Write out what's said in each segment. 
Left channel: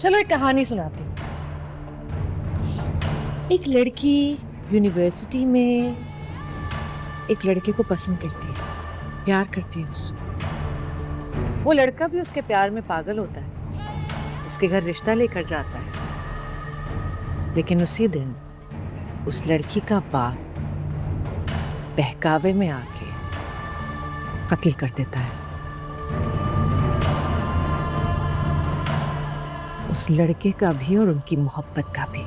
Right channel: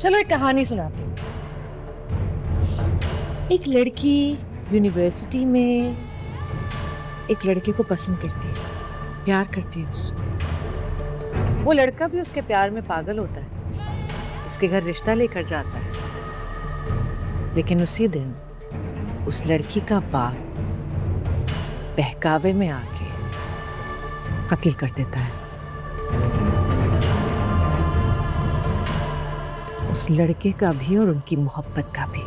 चलो एक कहानी सुनाती हूँ। एक लड़की यूनिवर्सिटी में एक लड़के को पसंद करती है, प्यार करती है उससे। वो लड़का भी उसके प्यार में पागल होता है, उसके घर रिश्ता लेकर जाता है। लेकिन उसी दिन उस लड़की का बाप बहकावे में आके कत्ल कर देता है उस लड़के का भी और उनकी मोहब्बत का भी।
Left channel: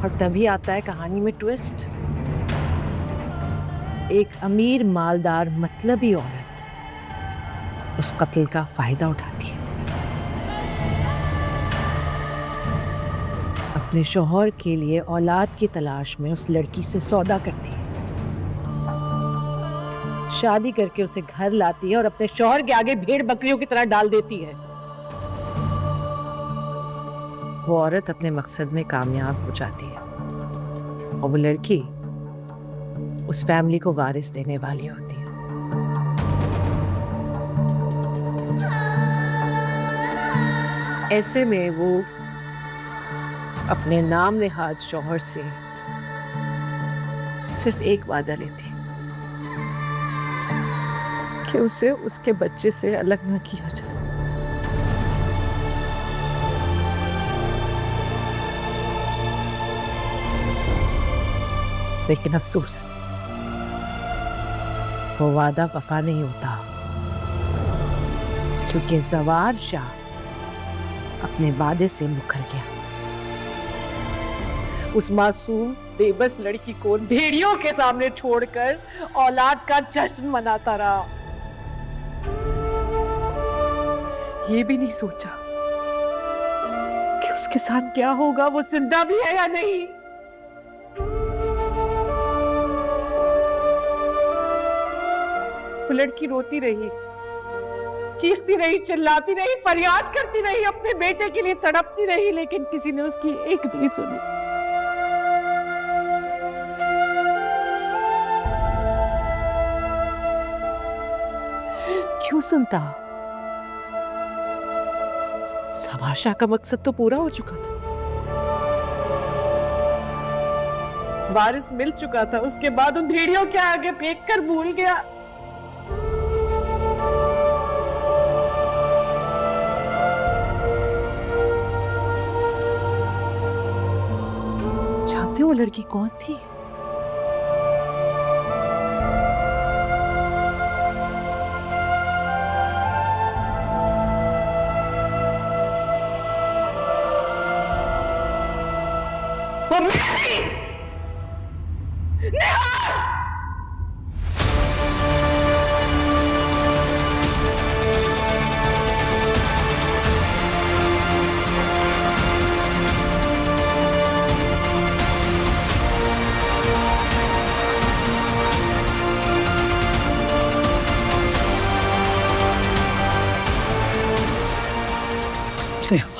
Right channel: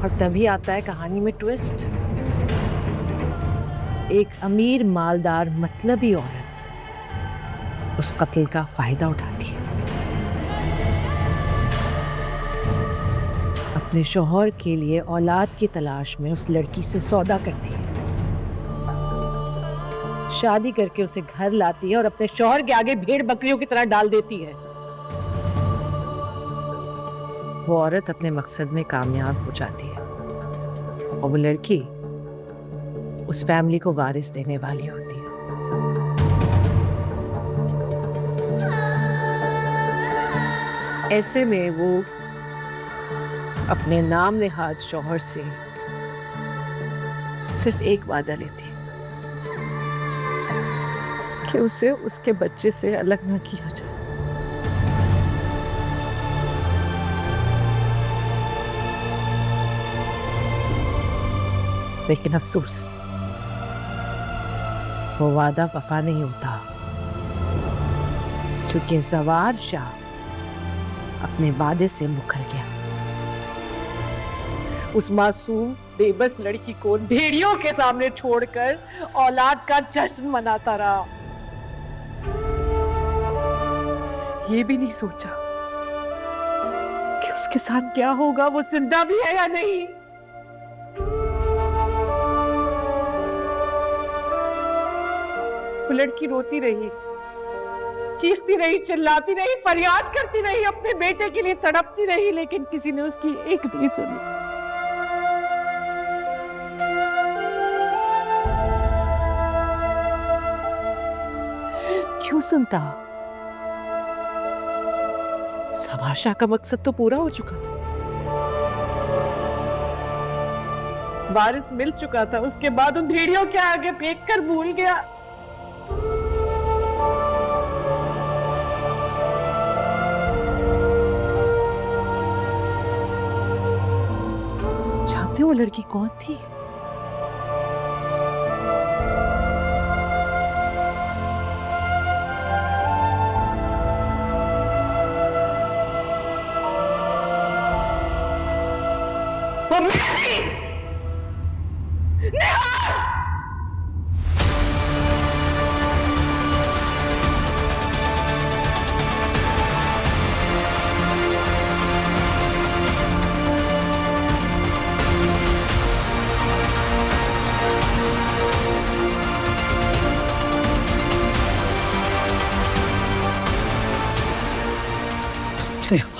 और तभी आता है कहानी में ट्विस्ट। एक अमीर मालदार मतलबी औरत उस कत्ल का फायदा उठाती है, अपने शौहर के लिए औलाद की तलाश में उस लड़की से सौदा करती है, शादी करके उसे घर लाती है और अपने शौहर के आगे भेड़ बकरियों की तरह डाल देती है। वो औरत अपने मकसद में कामयाब हो जाती है और वो लड़की उस फैमिली को वारिस देने वाली होती है। ऐसे में वो अपने नाम नेहाद शौहर से सिर्फ एक वादा लेती है कि उसे उसके बच्चे से अलग न किया जाए। लेकिन अफसोस वो वादा वफा नहीं होता, क्योंकि जवार शाह अपने वादे से मुकर गया। उस मासूम बेबस लड़की को भेड़ियों के सामने छोड़कर औलाद का जश्न मनाता रहा। ये भी नहीं सोचा कि उसके साथ क्या होगा, वो जिंदा भी है या नहीं। वो लड़की रोती रही, चीखती रही, चिल्लाती रही, फरियाद करती रही, अपने बेटे के लिए तड़पती रही, लेकिन किसी ने उसकी एक नहीं सुनी। क्यों सुनता? सवार शाह का मकसद तो पूरा हो चुका था, वारिस मिल चुका था। उसके बाद उन भेड़ियों के आगे फेंक कर भूल गया। जानते हो वो लड़की कौन थी? वो मैं थी! नेहा!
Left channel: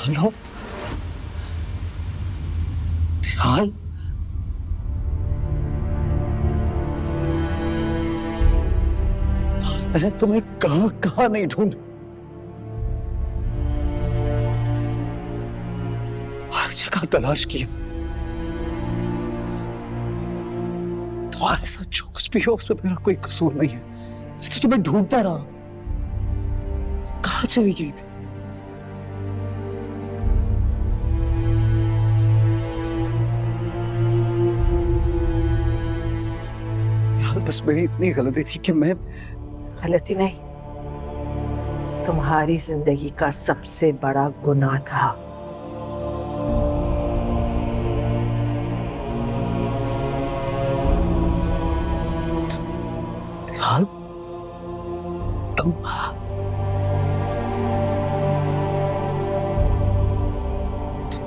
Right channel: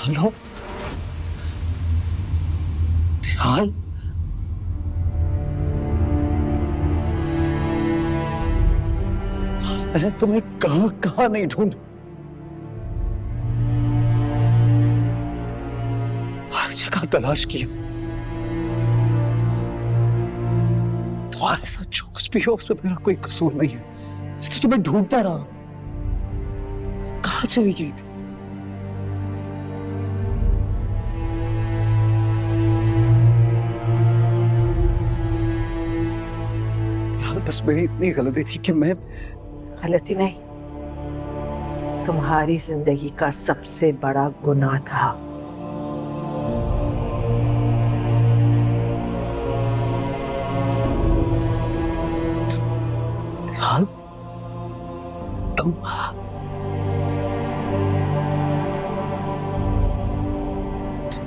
हेलो हाल, मैंने तुम्हें कहां कहां नहीं ढूंढा, हर जगह तलाश किया। तुम्हारे साथ जो कुछ भी हो उसमें मेरा कोई कसूर नहीं है, मैं तुम्हें ढूंढता रहा। कहां चली गई थी? बस मेरी इतनी गलती थी कि मैं गलती नहीं, तुम्हारी जिंदगी का सबसे बड़ा गुनाह था। हाल तुम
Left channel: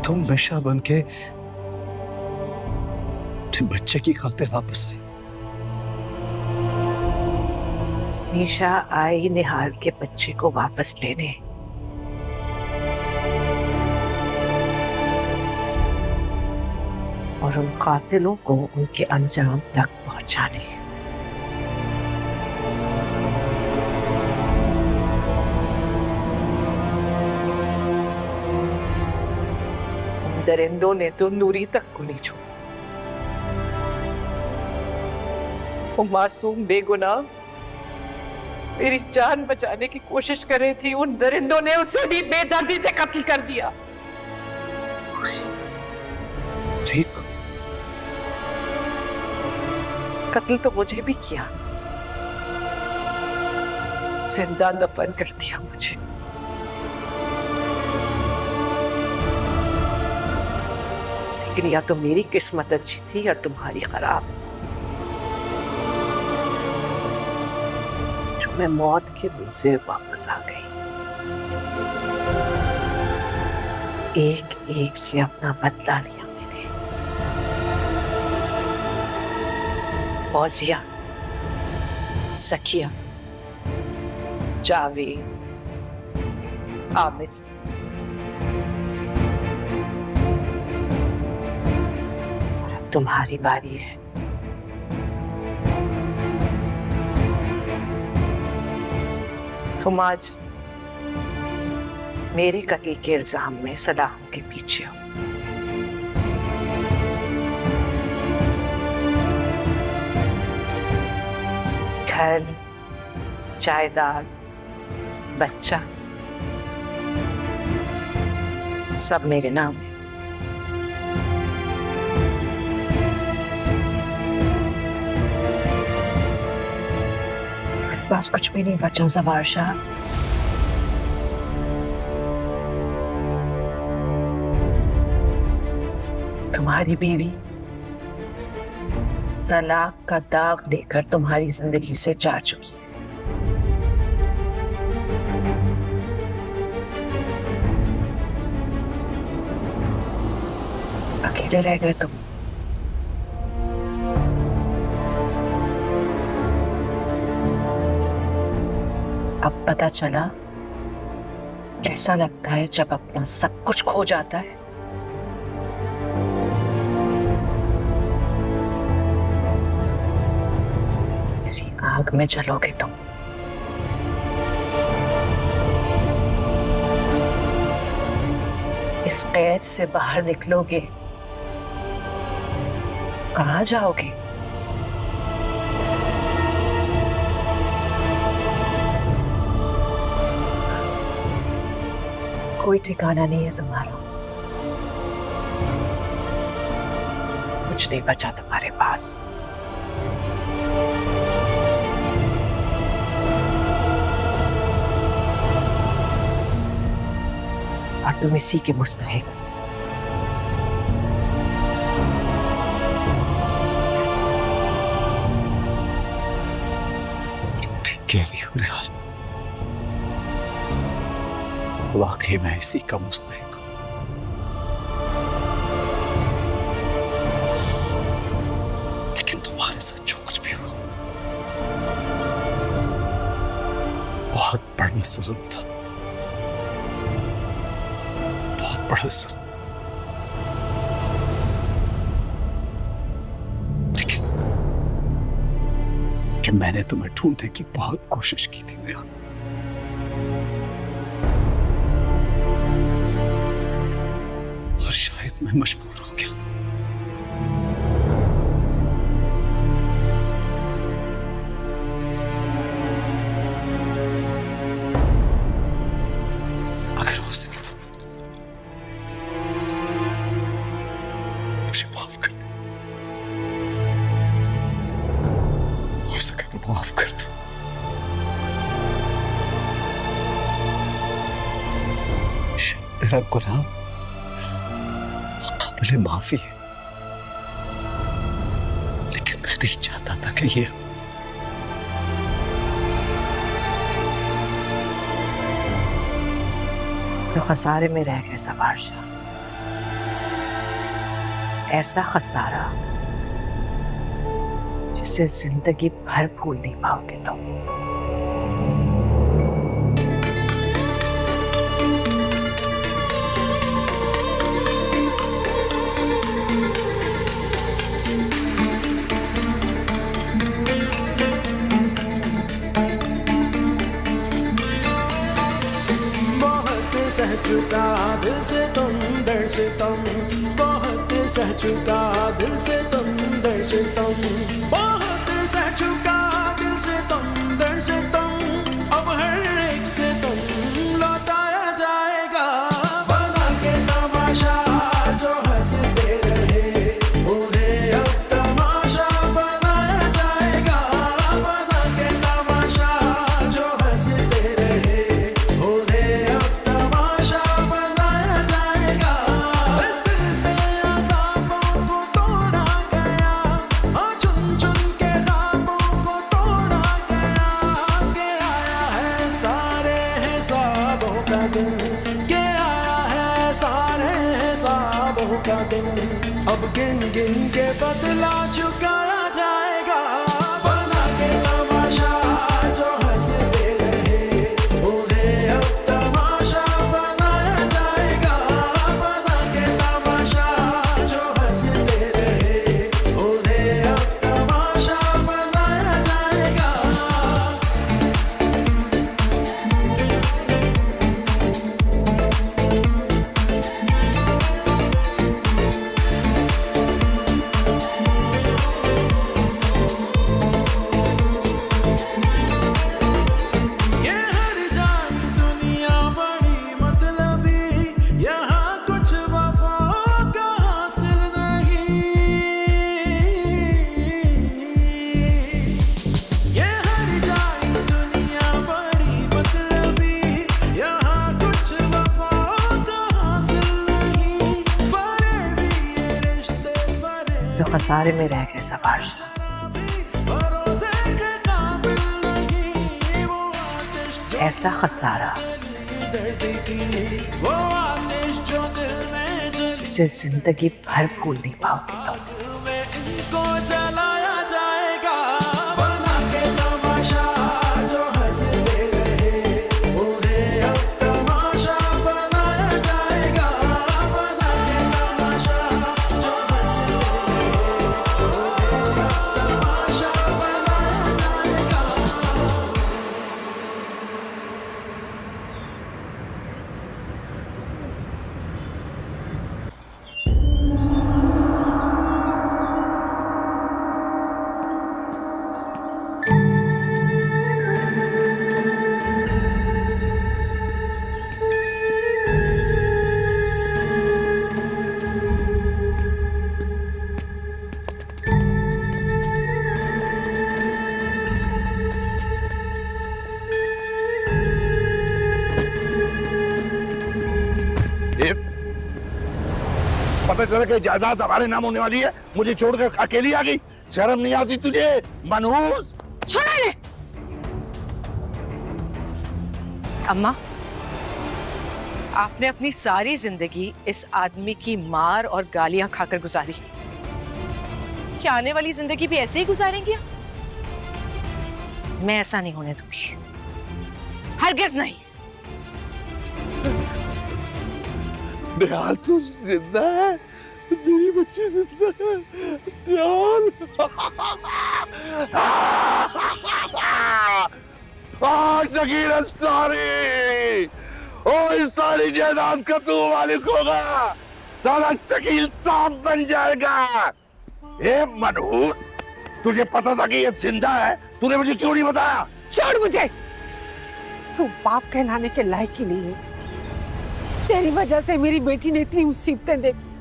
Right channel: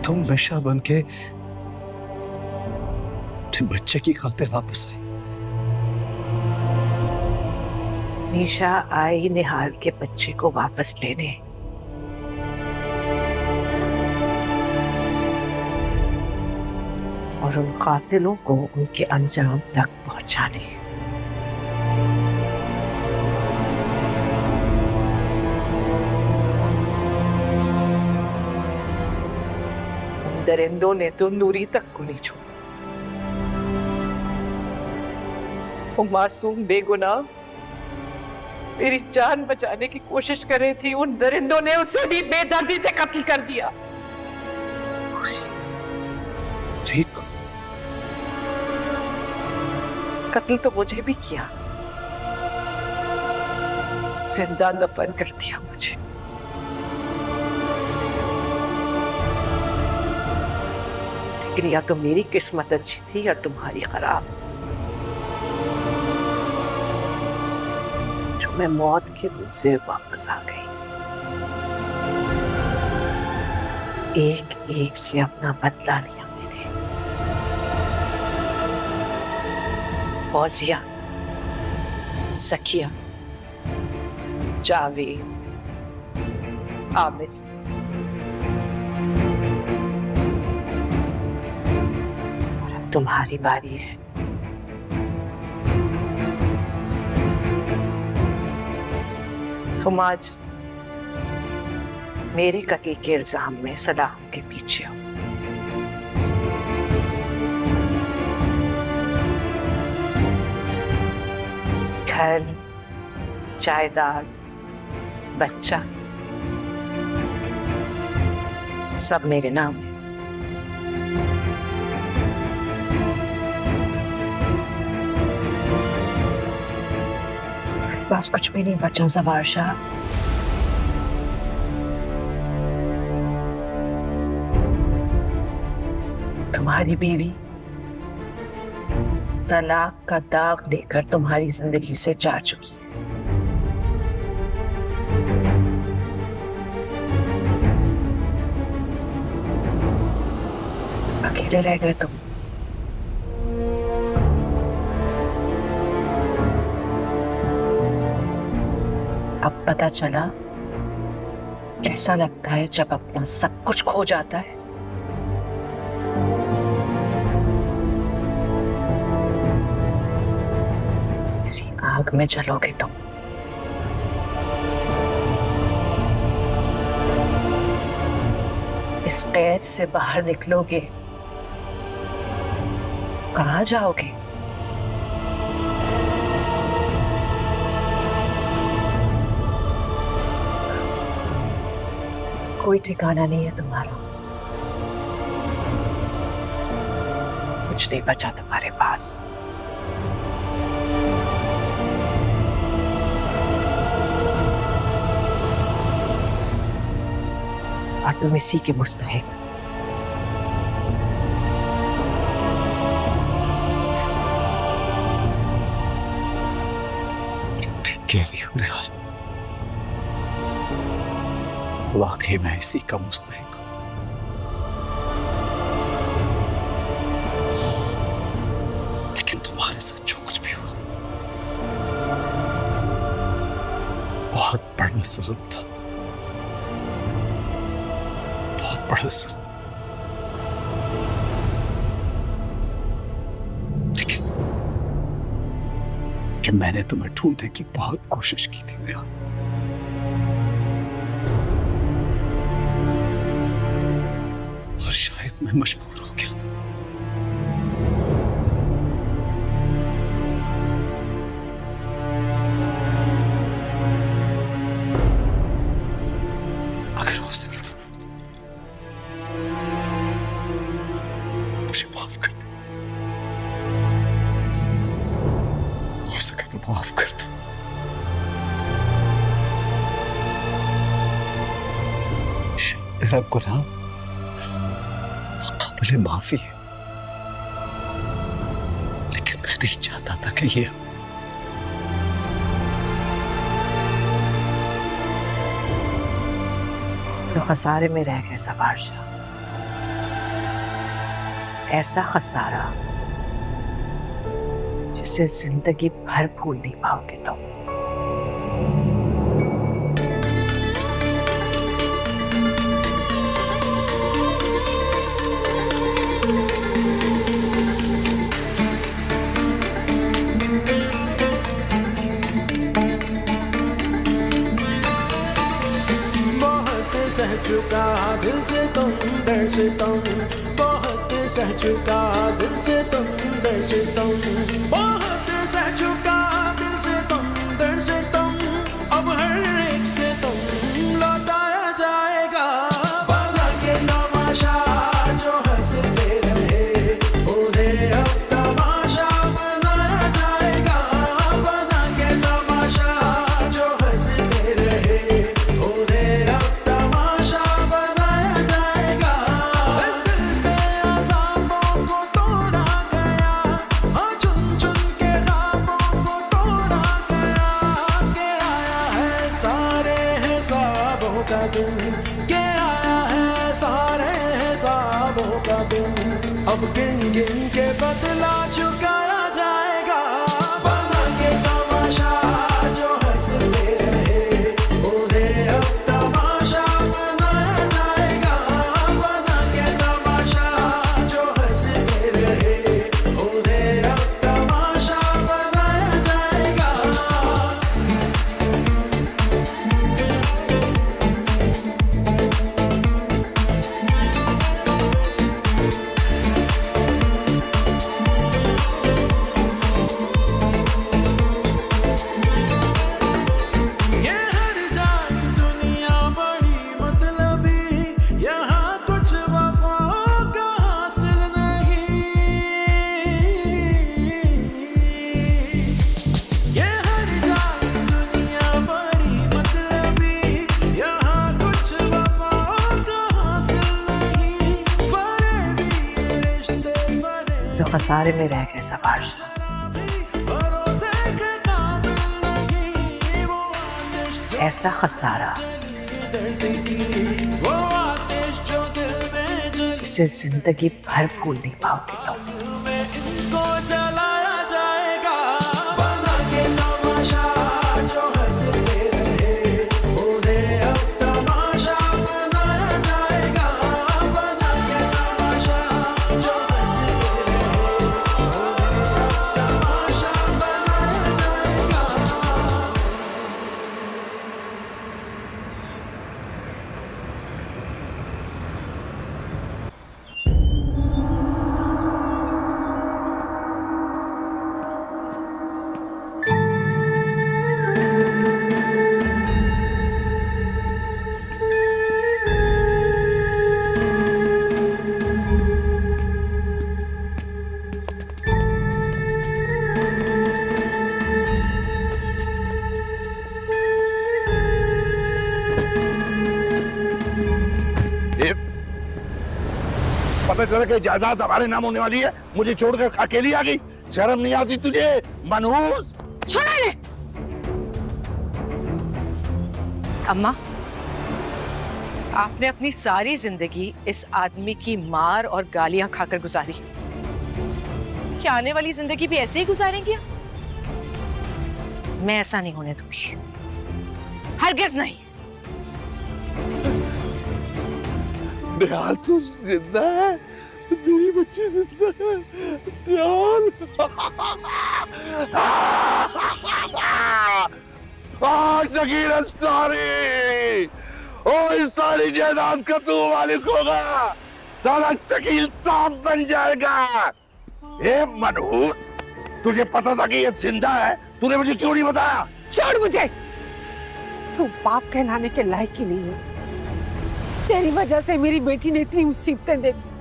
हमेशा बन के बच्चे की खातिर वापस आई। निशा आई निहाल के बच्चे को वापस लेने, और उन कातिलों को उनके अंजाम तक पहुंचाने। दरिंदों ने तो नूरी तक को नहीं छोड़ा। वो मासूम बेगुनाह मेरी जान बचाने की कोशिश कर रही थी, उन दरिंदों ने उसे भी बेदर्दी से कत्ल कर दिया। ठीक। कत्ल तो मुझे भी किया, जिंदा दफन कर दिया मुझे। लेकिन या तो मेरी किस्मत अच्छी थी या तुम्हारी खराब, जो मैं मौत के मुंह से वापस आ गई। एक एक से अपना बदला लिया मैंने। फौजिया, सखिया, जावेद, आमिर, और अब तुम्हारी बारी है। तुम आज मेरे कत्ल के इल्जाम में सलाहों के पीछे हो। घर, जायदाद, बच्चा, सब मेरे नाम है। बस कुछ भी नहीं बचा ज़फ़र शाह। तुम्हारी बीवी तलाक का दाग लेकर तुम्हारी जिंदगी से जा चुकी है। अकेले रह गए तुम। अब पता चला कैसा लगता है जब अपना सब कुछ खो जाता है। इसी आग में जलोगे तुम। इस कैद से बाहर निकलोगे, कहाँ जाओगे? कोई ठिकाना नहीं है तुम्हारा। कुछ नहीं बचा तुम्हारे पास। और तुम इसी के मुस्तहिक। ठीक कह रही हो निहाल, वाकई मैं इसी का मुस्तहिक हूं। लेकिन तुम्हारे साथ जो कुछ भी हुआ बहुत बड़ा जुल्म था, बहुत बड़ा जुल्म। लेकिन मैंने तुम्हें ढूंढने की बहुत कोशिश की थी निहाल। और शायद मैं मजबूर हो गया था। अगर हो सके तो मुझे माफ कर दे। हो सके तो माफ कर दो। मेरा गुनाह काबिल माफी है, लेकिन मैं नहीं चाहता था कि ये तो खसारे में रह गए ज़फ़र शाह। ऐसा खसारा जिसे जिंदगी भर भूल नहीं पाओगे तुम। सह चुका दिल से तुम दर्द दर से तुम बहुत सह चुका दिल से तुम दर से तुम बहुत सह चुका दिल से तुम दर से तुम अब हर एक से तुम लौटाया जाएगा बना के तमाशा जो हंसते रहे उन्हें अब तमाशा बनाया जाएगा बना के तमाशा जो हंसते रहे उन्हें अब तमाशा बनाया जाएगा इस दिल पे अज़ाबों को तोड़ा गया हाँ चुन चुन के ख्वाबों को तोड़ा गया के आया है सारे हिसाबों का दिन के आया है सारे हिसाबों का दिन अब गिन गिन के बदला चुकाया जाएगा बना के तमाशा जो हंसते रहे उन्हें अब तमाशा बनाया जाएगा बना के तमाशा जो हंसते रहे उन्हें अब तमाशा बनाया जाएगा ये हर जाई दुनिया बड़ी मतलबी यहाँ कुछ वफा का हासिल नहीं ये हर जाई दुनिया बड़ी मतलबी यहाँ कुछ वफा का हासिल नहीं फरेबी ये रिश्ते फरेब जो खसारे में रह गए सवार भरोसे के काबिल नहीं वो आतिश जो ऐसा खसारा जली दर्द की वो आतिश जो दिल में जली जिसे जिंदगी भर भूल नहीं पाओगे तुम दिल में इनको जलाया जाएगा बना के तमाशा जो हंसते रहे उन्हें अब तमाशा बनाया जाएगा बना के तमाशा जो हंसते रहे तमाशा बनाया जाएगा एक पता चला कि जायदाद हमारे नाम होने वाली है मुझे छोड़कर अकेली आ गई शर्म नहीं आती तुझे मनहूस छोड़ा ले अम्मा आपने अपनी सारी जिंदगी इस आदमी की मार और गालियां खाकर गुजारी क्या आने वाली जिंदगी भी ऐसे ही गुजारेंगी आप? मैं ऐसा नहीं होने दूंगी हरगिज नहीं निहाल तू जिंदा है मेरी बच्ची जिंदा है निहाल शकील अंसारी ओ इस सारी जायदाद का तू मालिक होगा सारा शकील सांप बन जाएगा ए मनहूस तुझे पता था कि ये जिंदा है तूने मुझे क्यों नहीं बताया छोड़ मुझे तू बाप कहलाने के लायक ही नहीं है तेरी वजह से मेरी बेटी ने इतनी मुसीबतें देखी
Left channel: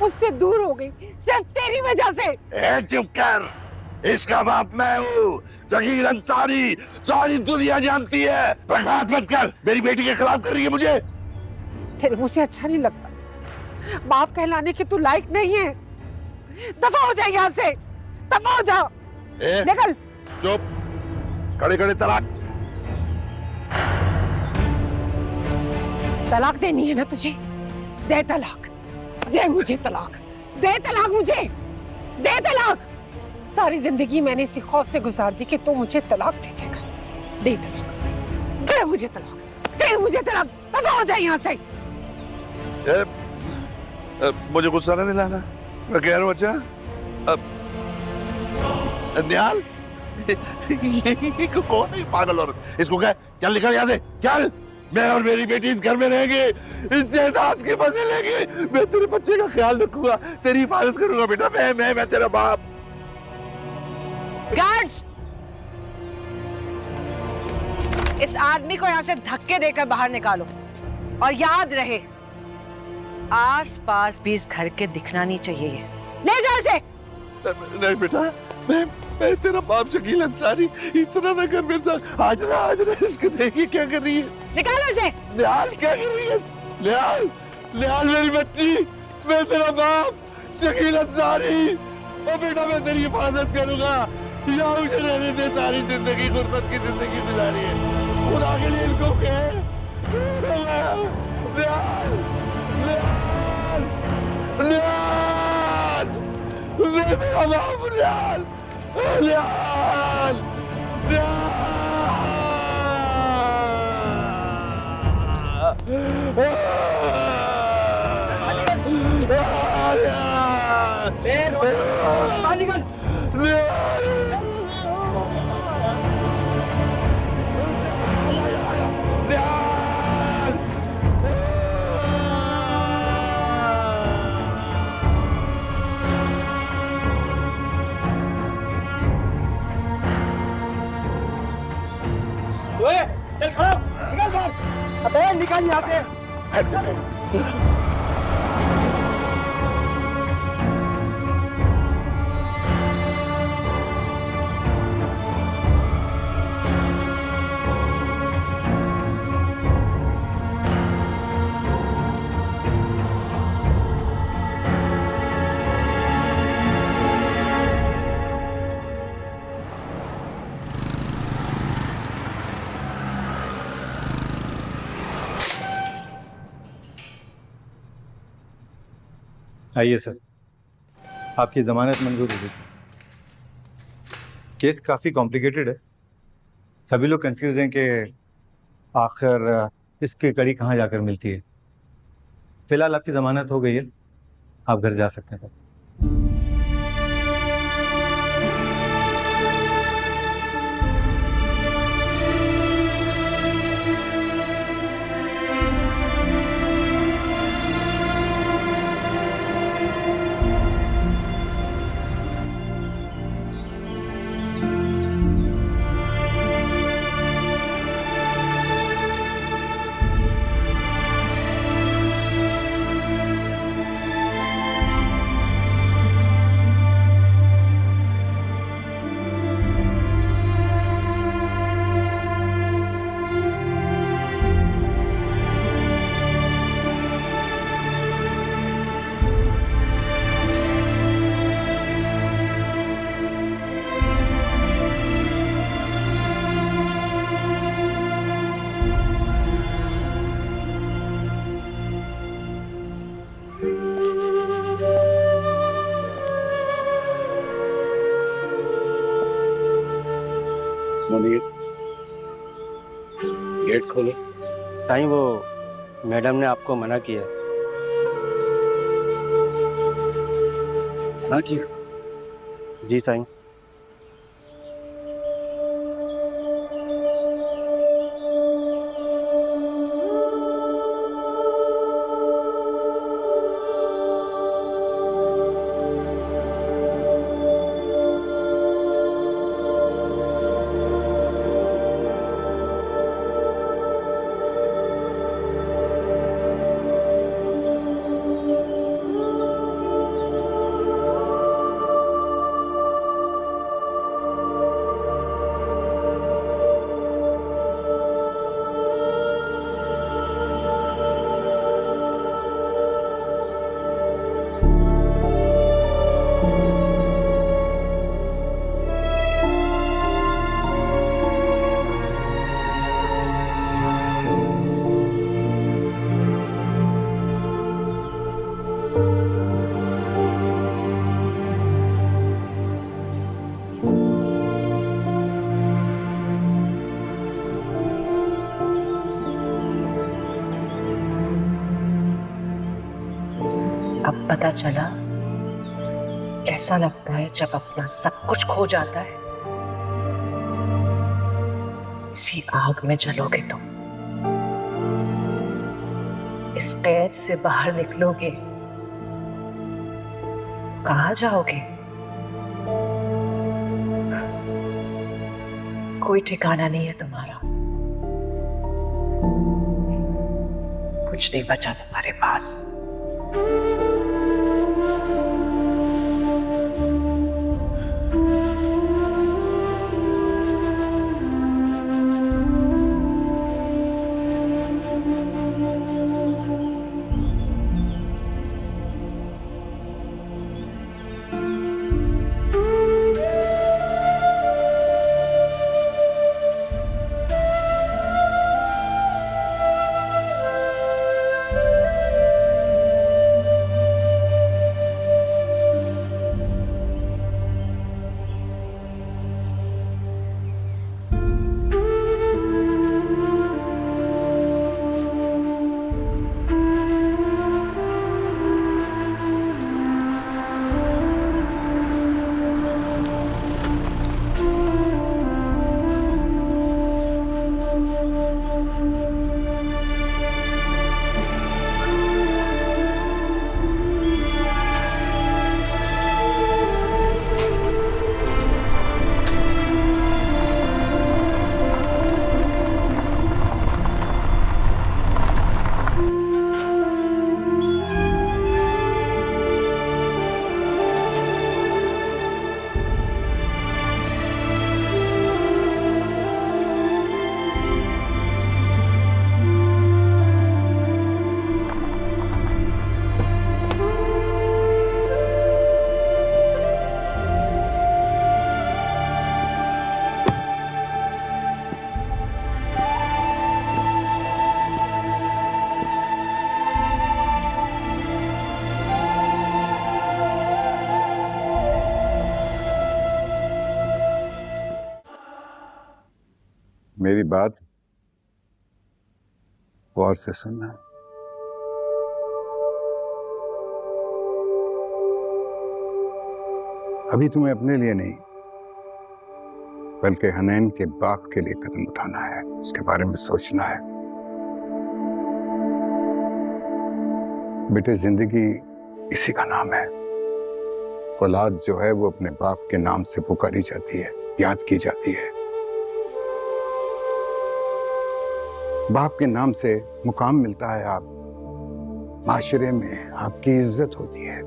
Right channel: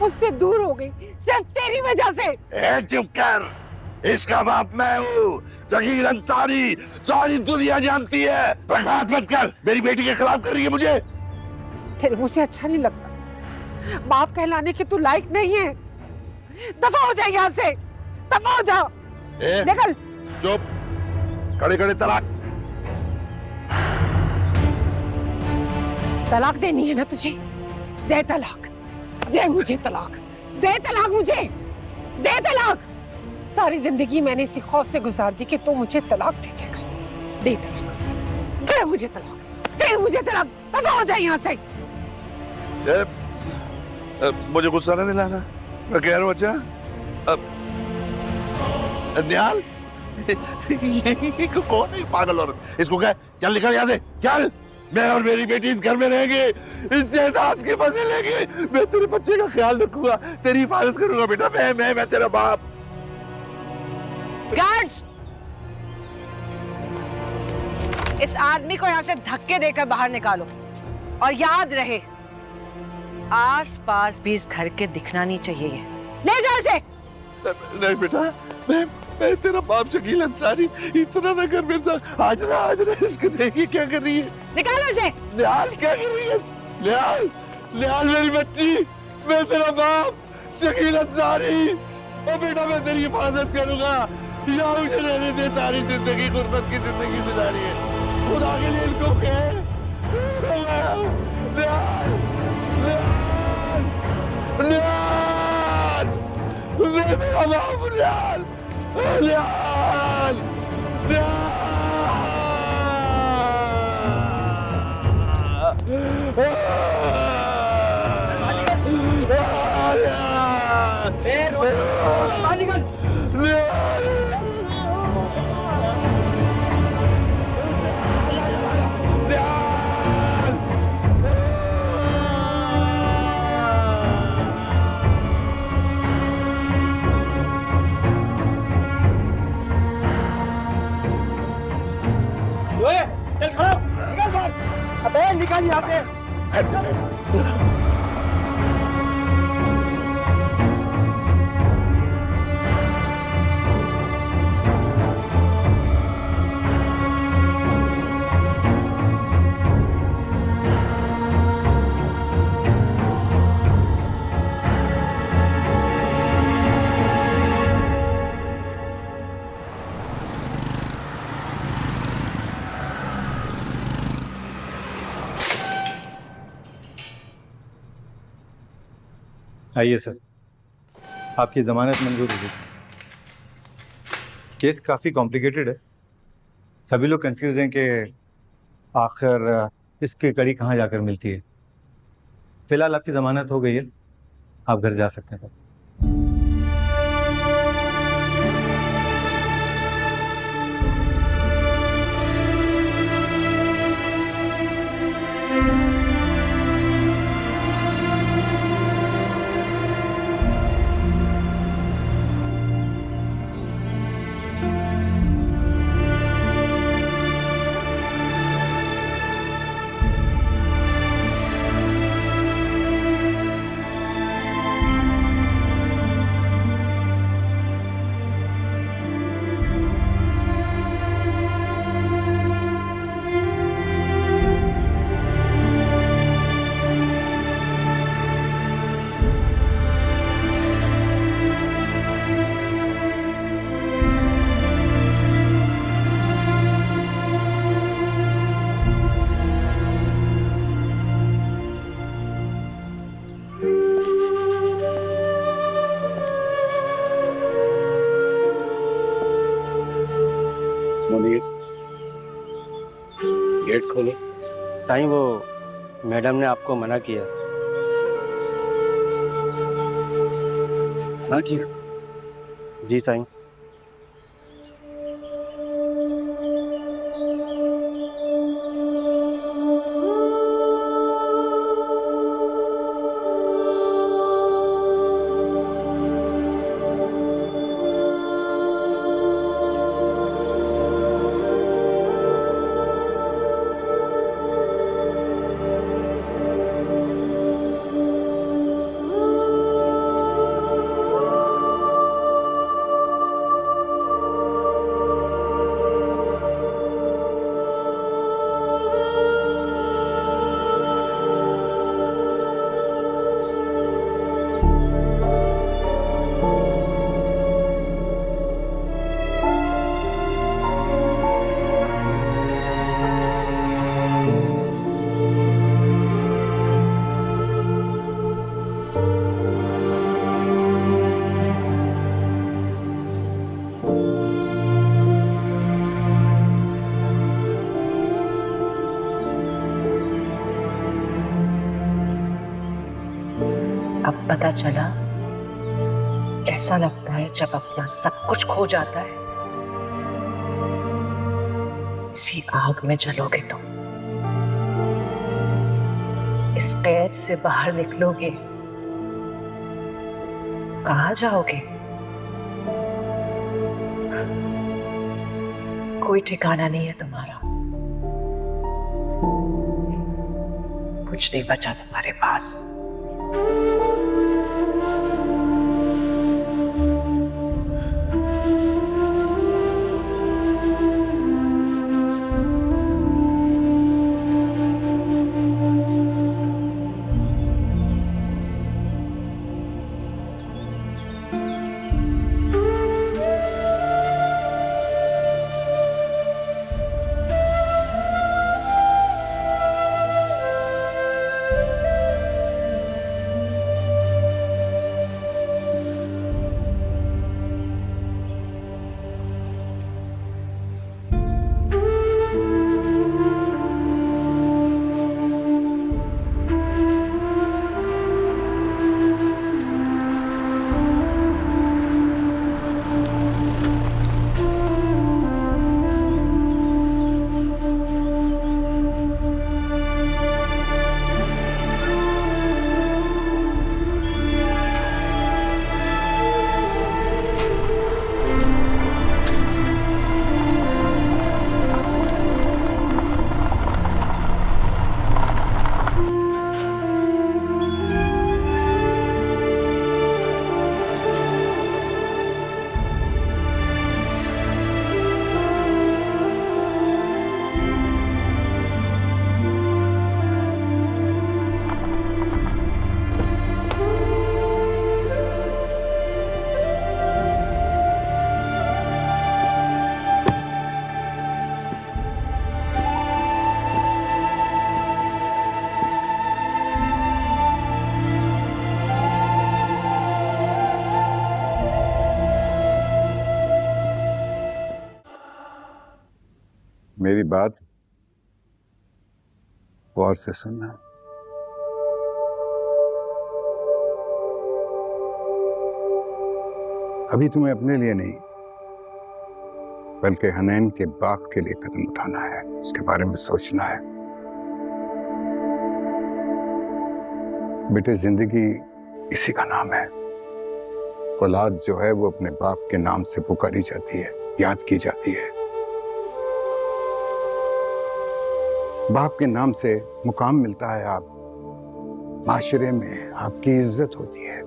मुझसे दूर हो गई सिर्फ तेरी वजह से ए चुप कर इसका बाप मैं हूँ जगीर अंसारी सारी दुनिया जानती है बर्दाश्त मत कर मेरी बेटी के खिलाफ कर रही है मुझे तेरे मुझसे अच्छा नहीं लगता बाप कहलाने के तू लायक नहीं है दफा हो जाए यहाँ से दफा हो जाओ ए, निकल चुप खड़े खड़े तलाक तलाक देनी है ना तुझे दे तलाक दे मुझे तलाक दे तलाक मुझे दे तलाक सारी जिंदगी मैंने इसी खौफ से गुजार दी कि तू मुझे तलाक दे देगा दे तलाक दे मुझे तलाक दफा हो जाए यहाँ से मुझे गुस्सा नहीं दिलाना मैं कह रहा हूँ बच्चा निहाल कौन है पागल औरत इसको क्या चल निकल यहाँ से चल मैं और मेरी बेटी इस घर में रहेंगे, इस जायदाद के मजे लेंगे। मैं तेरे बच्चे का ख्याल रखूंगा, तेरी हिफाजत करूंगा बेटा। मैं तेरा बाप। गार्ड्स, इस आदमी को यहाँ से धक्के देकर बाहर निकालो और याद रहे आस पास भी इस घर के दिखना नहीं चाहिए। ये ले जाओ इसे। नहीं बेटा, मैं तेरा बाप शकील अंसारी, इतना ना कर मेरे साथ। आज ना इसको देखिए क्या कर रही है। निकालो इसे। निहाल क्या कर रही है? निहाल मेरी बच्ची, मैं तेरा बाप शकील अंसारी। ओ बेटा, मैं तेरी हिफाजत करूंगा। यहाँ मुझे रहने दे, सारी जिंदगी गुर्बत की जिंदगी गुजारी है। खुदा के लिए इनको कह। निहाल, निहाल, निहाल, मैं तेरा बाप। निहाल, निहाल, अबे निकल यहाँ से। आइए सर, आपकी ज़मानत मंजूर हो गई। केस काफ़ी कॉम्प्लिकेटेड है। सभी लोग कंफ्यूज हैं कि आखिर इसकी कड़ी कहाँ जाकर मिलती है। फिलहाल आपकी ज़मानत हो गई है, आप घर जा सकते हैं सर। मुनीर, गेट खोलो। साईं, वो मैडम ने आपको मना किया। हाँ किया? जी साईं। अब पता चला कैसा लगता है जब अपना सब कुछ खो जाता है। इसी आग में जलोगे तुम। इस कैद से बाहर निकलोगे कहाँ जाओगे? कोई ठिकाना नहीं है तुम्हारा, कुछ नहीं बचा तुम्हारे पास। मेरी बात गौर से सुनना। अभी तुम्हें अपने लिए नहीं बल्कि हनैन के बाप के लिए कदम उठाना है, उसके बारे में सोचना है। बेटे, जिंदगी इसी का नाम है। औलाद जो है वो अपने बाप के नाम से पुकारी जाती है, याद की जाती है। बाप के नाम से मुकाम मिलता है, आप माशरे में आपकी इज्जत होती है।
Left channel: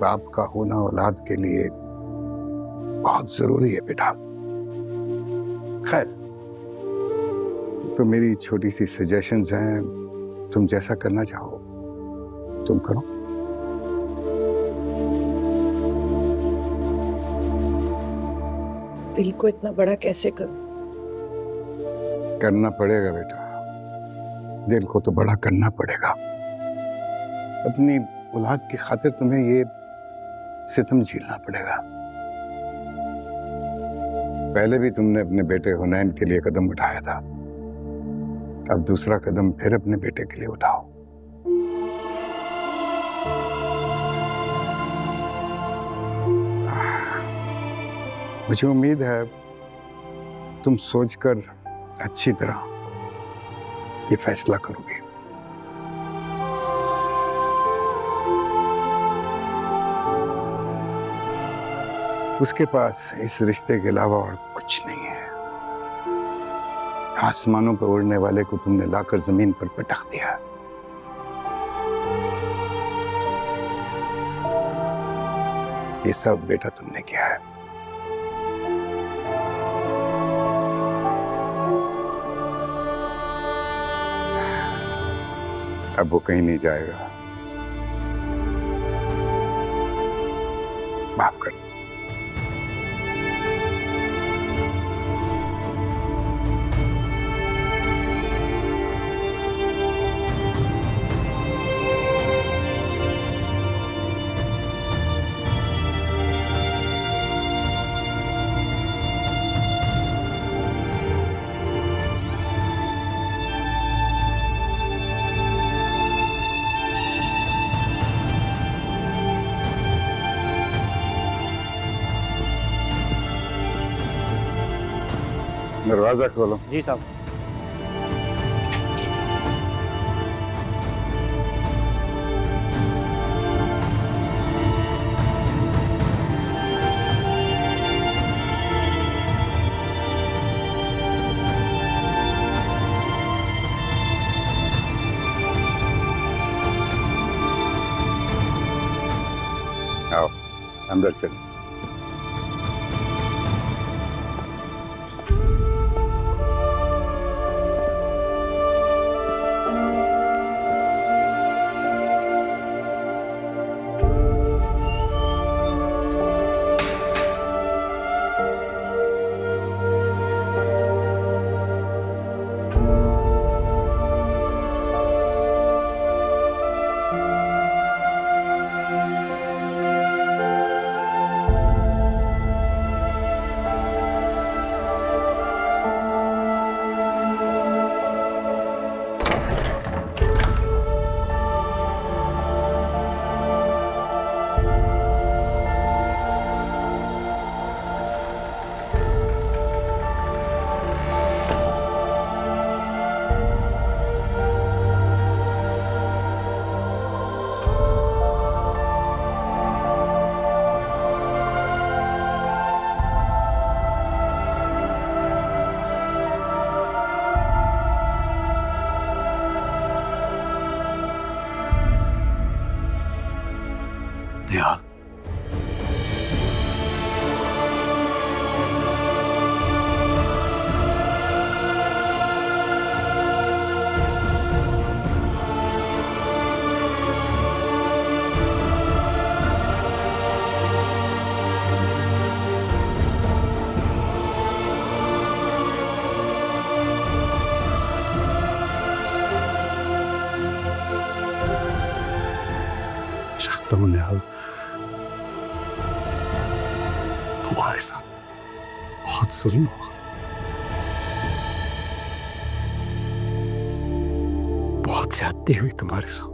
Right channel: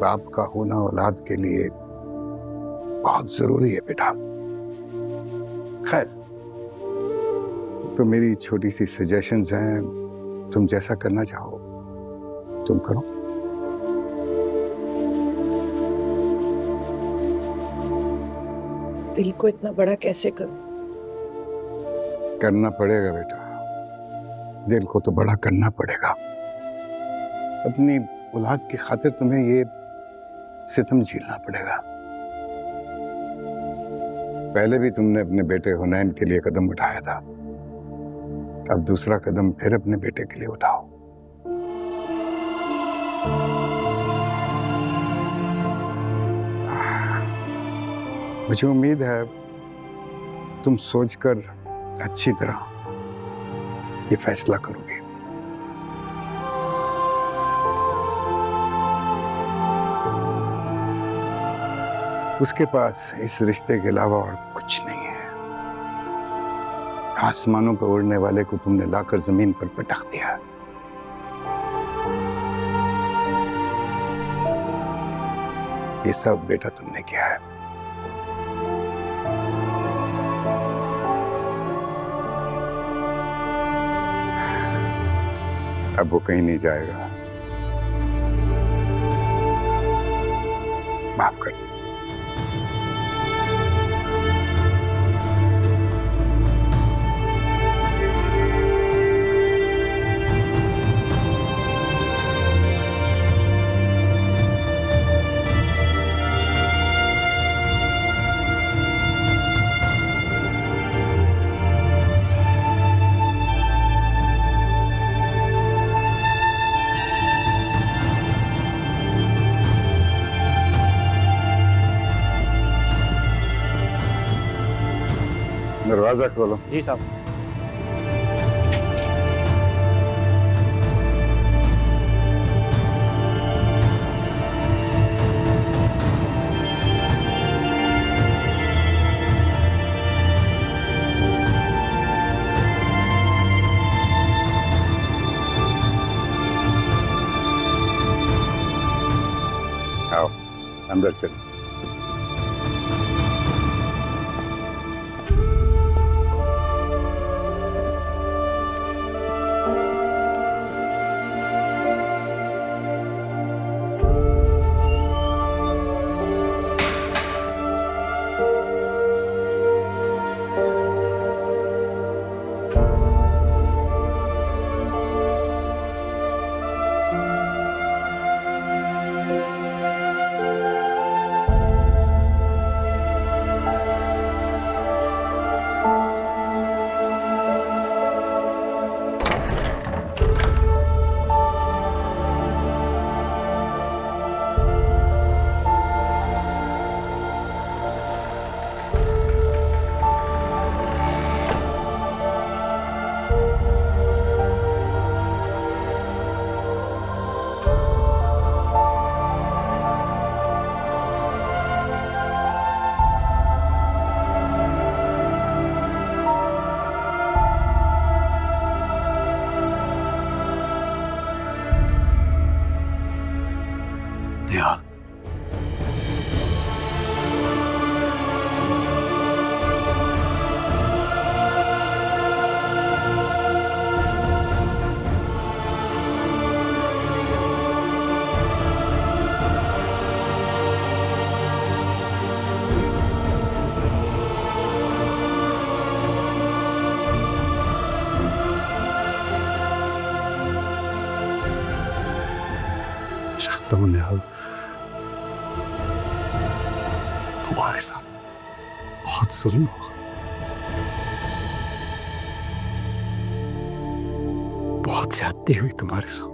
बाप का होना औलाद के लिए बहुत जरूरी है बेटा। खैर, तो मेरी छोटी सी सजेशंस हैं, तुम जैसा करना चाहो तुम करो। दिल को इतना बड़ा कैसे करूं? करना पड़ेगा बेटा, दिल को तो बड़ा करना पड़ेगा। अपनी औलाद की खातिर तुम्हें ये सितम झेलना पड़ेगा। पहले भी तुमने अपने बेटे हुनैन के लिए कदम उठाया था, अब दूसरा कदम फिर अपने बेटे के लिए उठाओ। मुझे उम्मीद है तुम सोचकर अच्छी तरह ये फैसला करोगे। उसके पास इस रिश्ते के अलावा और कुछ नहीं है। आसमानों पर उड़ने वाले को तुमने लाकर जमीन पर पटक दिया। ये सब बेटा तुमने किया है। अब वो कहीं नहीं जाएगा, माफ कर दो। दरवाजा खोलो। जी साहब। अंदर चलें। निहाल, चाहता हूं निहाल, तुम्हारे साथ बहुत जुल्म होगा, बहुत ज्यादती हुई तुम्हारे साथ।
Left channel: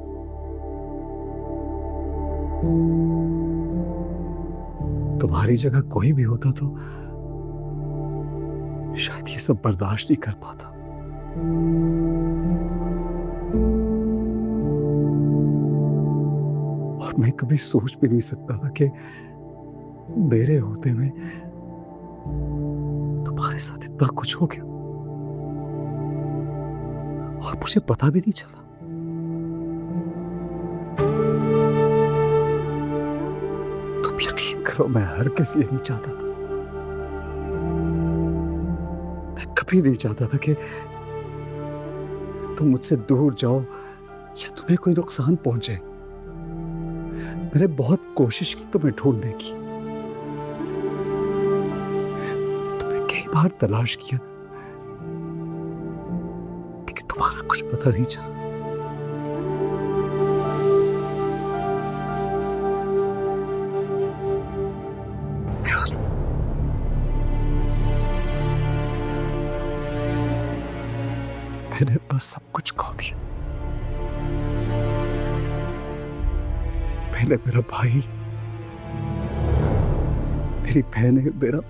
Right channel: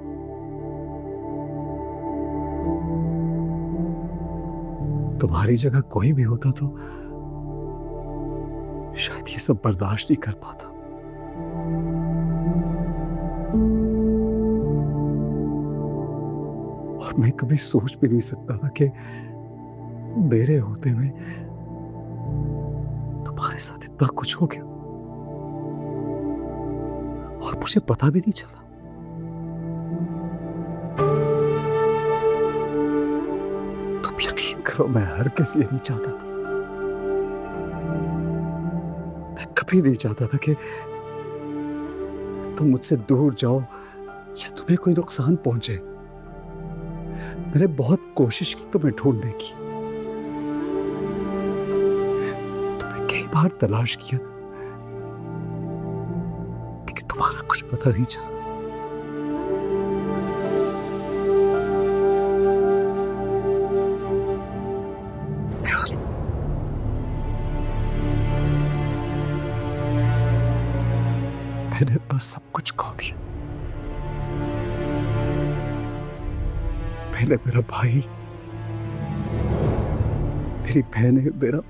तुम्हारी जगह कोई भी होता तो शायद ये सब बर्दाश्त नहीं कर पाता। और मैं कभी सोच भी नहीं सकता था कि मेरे होते में तुम्हारे साथ इतना कुछ हो गया और मुझे पता भी नहीं चला। तुम यकीन करो, मैं हर किसी ये नहीं चाहता था। मैं कभी नहीं चाहता था कि तुम मुझसे दूर जाओ या तुम्हें कोई नुकसान पहुंचे। मैंने बहुत कोशिश की तुम्हें ढूंढने की, तुम्हें कई बार तलाश किया, लेकिन तुम्हारा कुछ पता नहीं चला। मैंने बस सब कुछ खो दिया। पहले मेरा भाई, मेरी बहनें, मेरा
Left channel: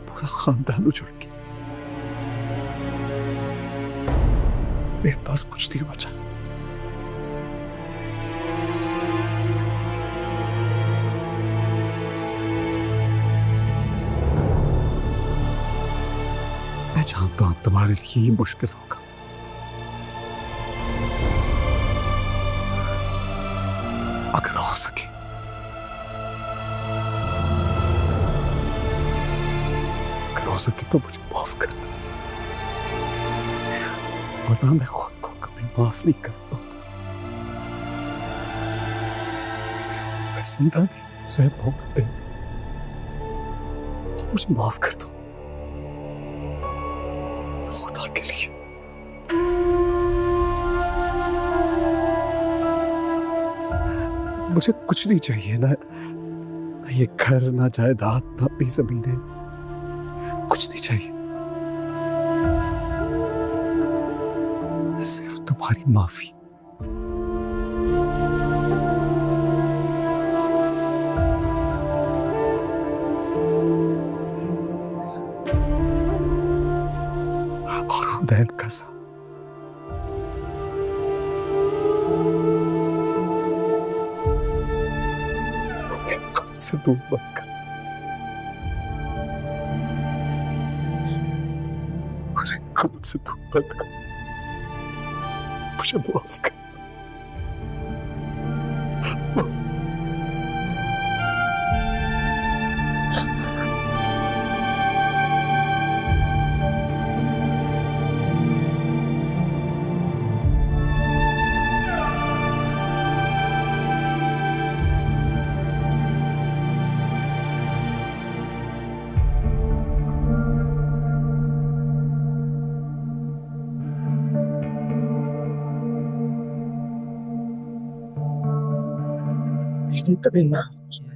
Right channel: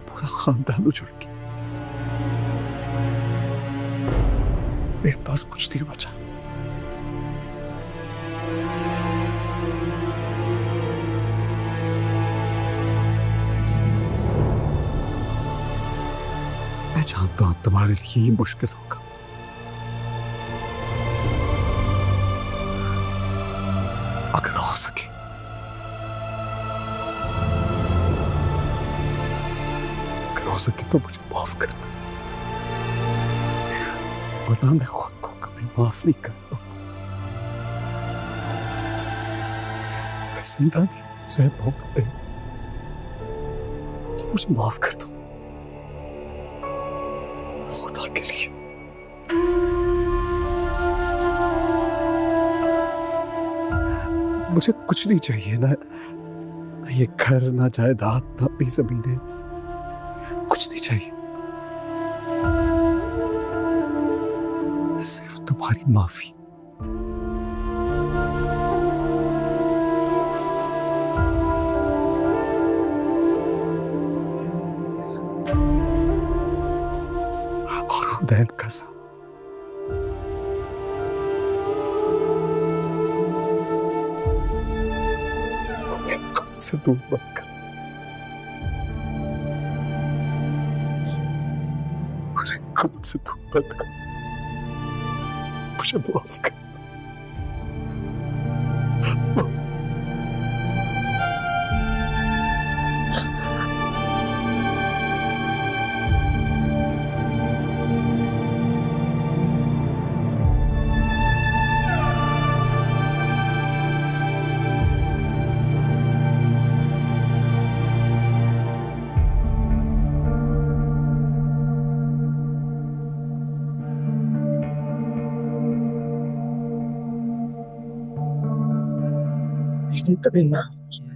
पूरा खानदान उजड़ गया। मेरे पास कुछ नहीं बचा। मैं जानता हूं तुम्हारे लिए ये मुश्किल होगा, अगर हो सके तो मुझे माफ कर दो, वरना मैं खुद को कभी माफ नहीं कर पाऊंगा। मैं जिंदा भी स्वयं भोगते तो मुझे माफ कर दो, खुदा के लिए। मुझे कुछ नहीं चाहिए, ना ये घर, ना जायदाद, ना अपनी जमीनें, कुछ नहीं चाहिए। सिर्फ तुम्हारी माफी। और हुनैन का साथ। से दूर मत कर, मुझसे दूर मत कर, मुझे माफ कर। मैंने तुम्हें माफ किया।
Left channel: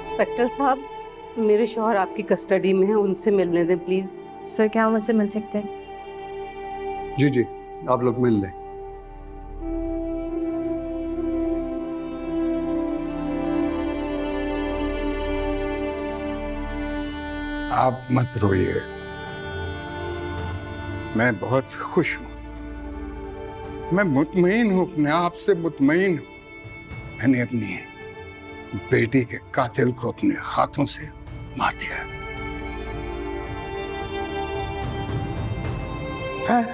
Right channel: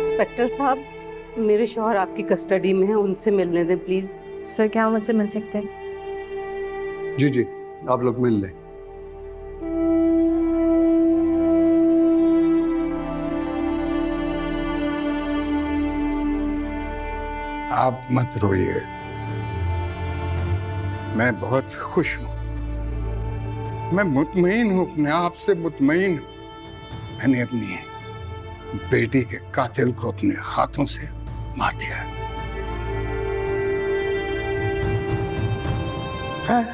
इंस्पेक्टर साहब, मेरे शौहर आपकी कस्टडी में हैं, उनसे मिलने दें प्लीज। सर क्या मुझसे मिल सकते हैं? जी जी, आप लोग मिल लें। आप मत रोइए, मैं बहुत खुश हूं, मैं मुतमईन हूं, अपने आप से मुतमईन हूं। मैंने अपनी बेटी के कातिल को अपने हाथों से मार दिया। खैर,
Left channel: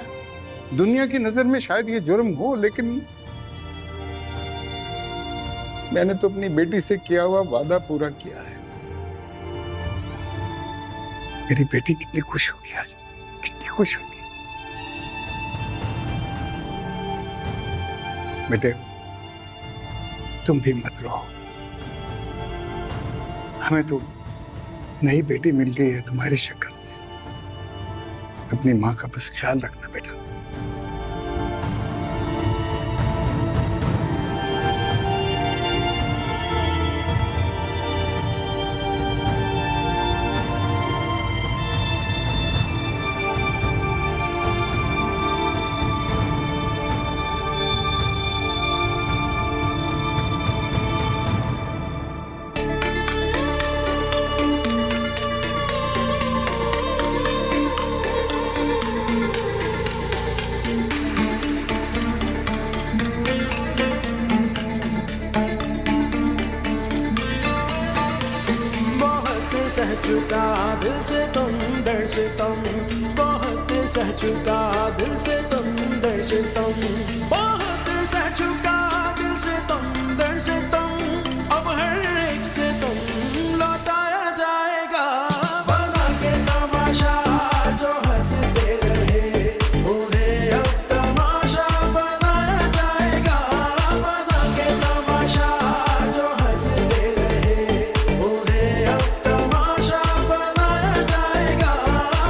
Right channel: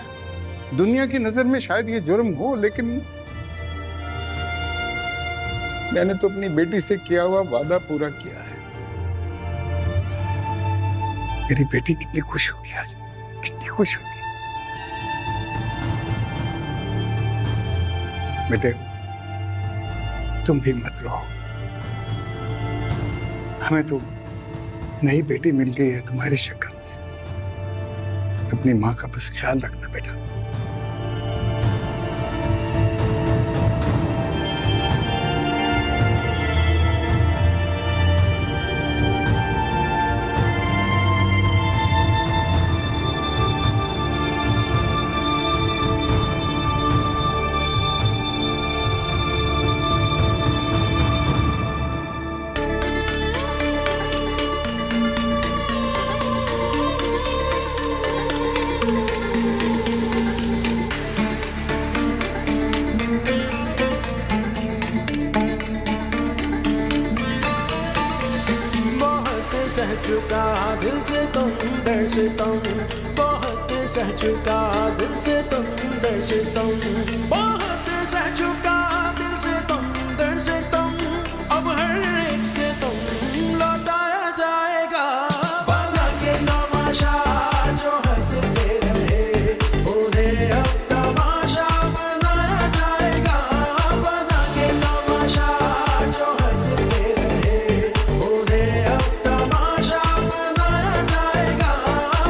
दुनिया की नजर में शायद ये जुर्म हो, लेकिन मैंने तो अपनी बेटी से किया हुआ वादा पूरा किया है। मेरी बेटी कितनी खुश होगी आज, कितनी खुश होगी। बेटे, तुम भी मत रो, हमें तो नई बेटी मिल गई है तुम्हारी शक्ल में। अपनी माँ का बस ख्याल रखना बेटा। सह चुका दिल से तुम दर से तुम, बहुत सह चुका दिल से तुम दर से तुम, बहुत सह चुका दिल से तुम दर से तुम, अब हर एक से तुम लौटाया जाएगा। बना के तमाशा जो हंसते रहे उन्हें अब तमाशा बनाया जाएगा। बना के तमाशा जो हंसते रहे उन्हें अब तमाशा बनाया जाएगा।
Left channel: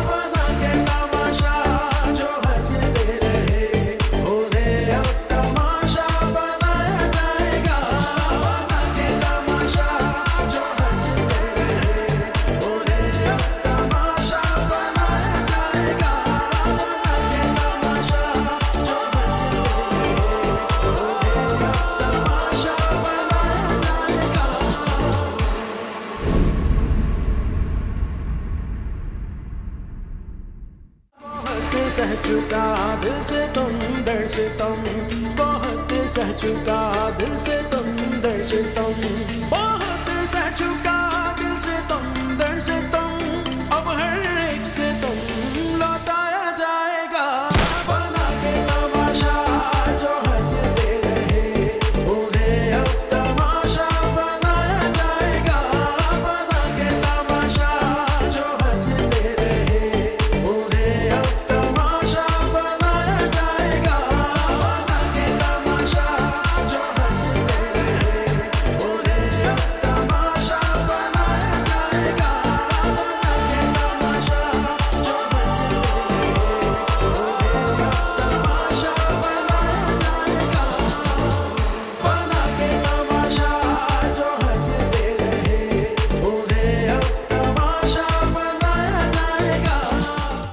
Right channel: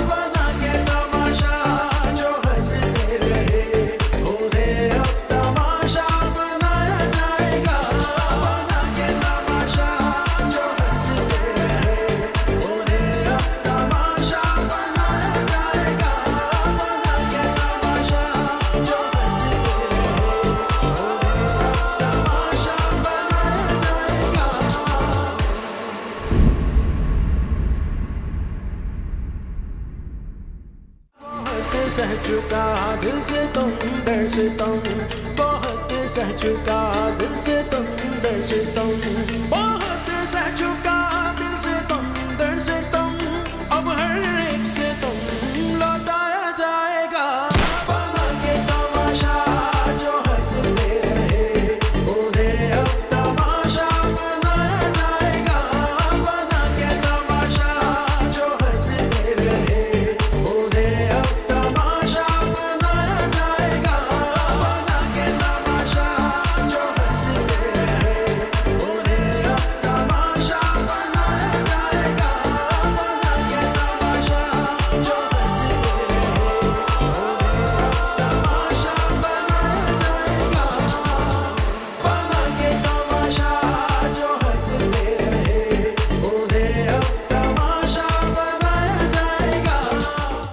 बना के तमाशा जो हंसते रहे उन्हें अब तमाशा बनाया जाएगा। बना के तमाशा जो हंसते रहे उन्हें अब तमाशा बनाया जाएगा। बना के तमाशा जो हंसते रहे बहुत सह चुका दिल से तुम दर से तुम, बहुत सह चुका दिल से तुम दर से तुम, बहुत सह चुका दिल से तुम दर से तुम, अब हर